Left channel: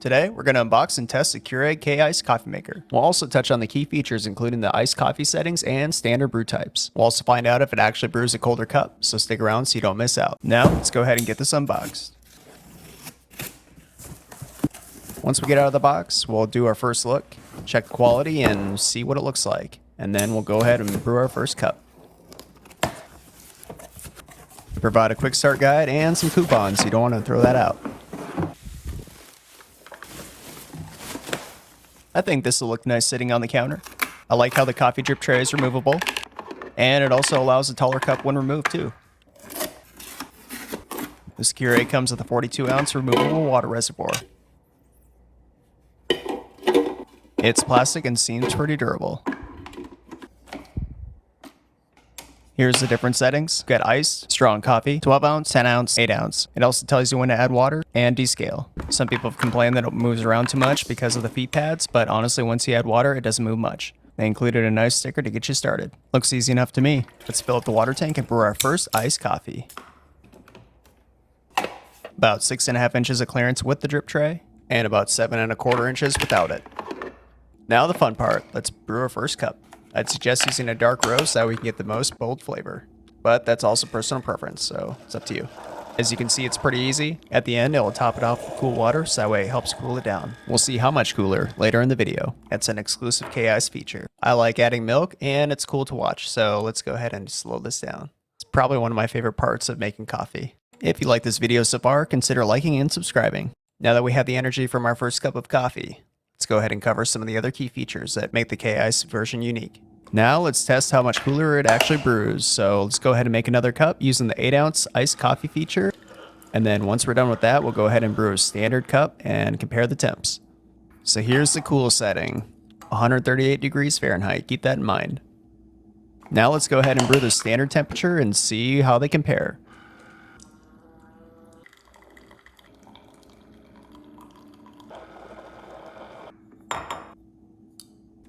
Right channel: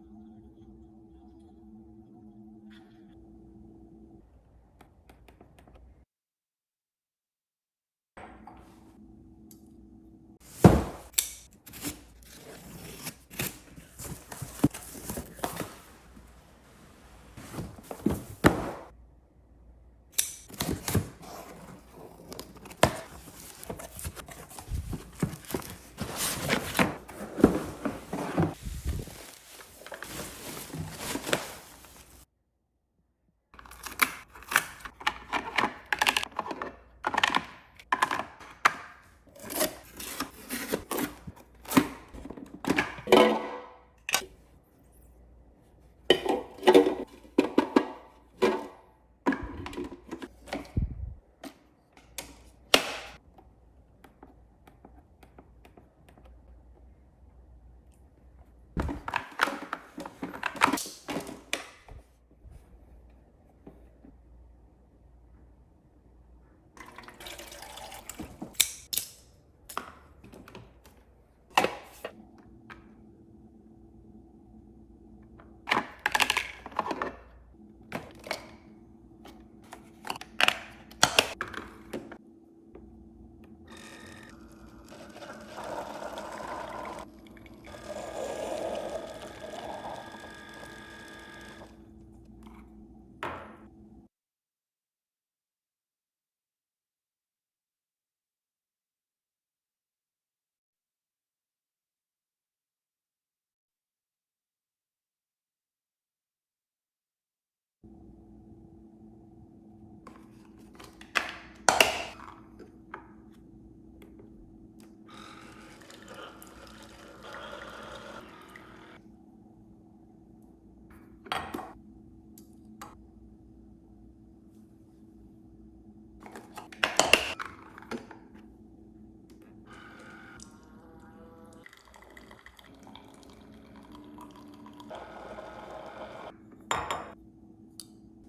Today, we're going to unbox and test the Keurig K-Iced Coffee Maker. We'll also touch on the key features including the iced coffee settings and standard brew types. We'll also find out if it actually brews a colder cup, so stick around so you don't miss out. Now, let's go ahead and get this unboxed. Once we get out of the box, we'll do our first look, check the quality, and see what it looks like. And then we'll go ahead and brew our first cup. Provide a quick start guide and some coupons, you don't want to throw that out. I think this will look nice sitting on the counter. I like how the coffee drip tray is removable, and it also allows a taller cup when removed too. This Keurig comes with a 42-ounce removable water reservoir. It's plastic and seems pretty durable. Here's the different settings. We've got iced, strong coffee, 12 ounce, 10 ounce, 8 ounce. It also tells you when to add water and descale. Some people have complained that it moves around too much because of the feet pads, but honestly, once you add water, it doesn't move much. They included a nice sticker to get you started. Looks easy enough to me. Let's fill up the water tank and brew our first iced coffee. About 6.5 inches of clearance with the drip tray, and about 7.25 inches without it. Now the fun part, let's brew our first cup. I'd suggest using a dark roast so that we can get the most bold flavor. But that's also personal preference, so it's up to you. As you can see, it's pretty easy. At the end, it'll top it off with cool water, so that way it helps cool it down. We'll see how much cooler later in the video. It's an exclusive K-Iced feature. I like adding milk, and it's cool to watch, so let's go ahead and slow this down. It's probably one of my favorite parts of making coffee. If you like this video so far, consider liking and subscribing. Now that we have the energy from our first cup of coffee, let's go ahead and cover some of the other key features that make the K-Iced version unique. Now let's test how much cooler it actually brews. So let's go ahead and make another cup using the 8-ounce iced coffee feature. And then once we're done with that, we'll go ahead and brew a standard cup and compare the temps. So here's the cool setting, 138 degrees Fahrenheit. Keep that in mind. Now let's go ahead and brew the standard temperature and see how they compare.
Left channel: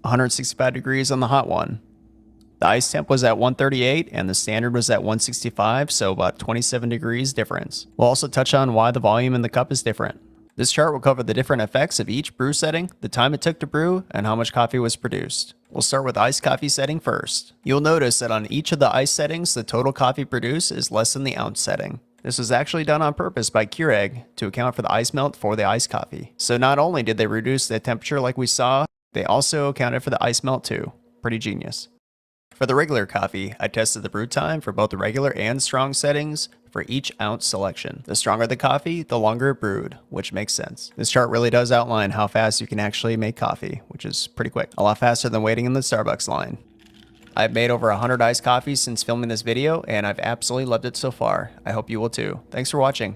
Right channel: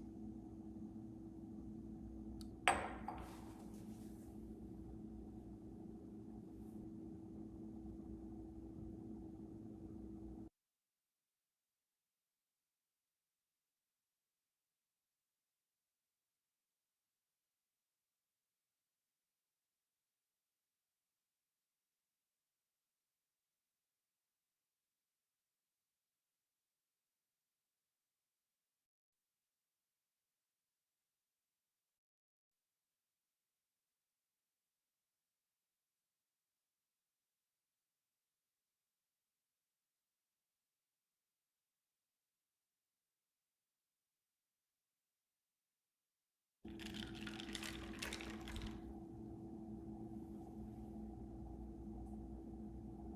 $165 degrees on the hot one. The ice temp was at 138 and the standard was at 165, so about 27 degrees difference. We'll also touch on why the volume in the cup is different. This chart will cover the different effects of each brew setting, the time it took to brew, and how much coffee was produced. We'll start with iced coffee setting first. You'll notice that on each of the ice settings, the total coffee produced is less than the ounce setting. This was actually done on purpose by Keurig to account for the ice melt for the iced coffee. So not only did they reduce the temperature like we saw, they also accounted for the ice melt too. Pretty genius. For the regular coffee, I tested the brew time for both the regular and strong settings for each ounce selection. The stronger the coffee, the longer it brewed, which makes sense. This chart really does outline how fast you can actually make coffee, which is pretty quick. A lot faster than waiting in the Starbucks line. I've made over 100 iced coffees since filming this video, and I've absolutely loved it so far. I hope you will too. Thanks for watching.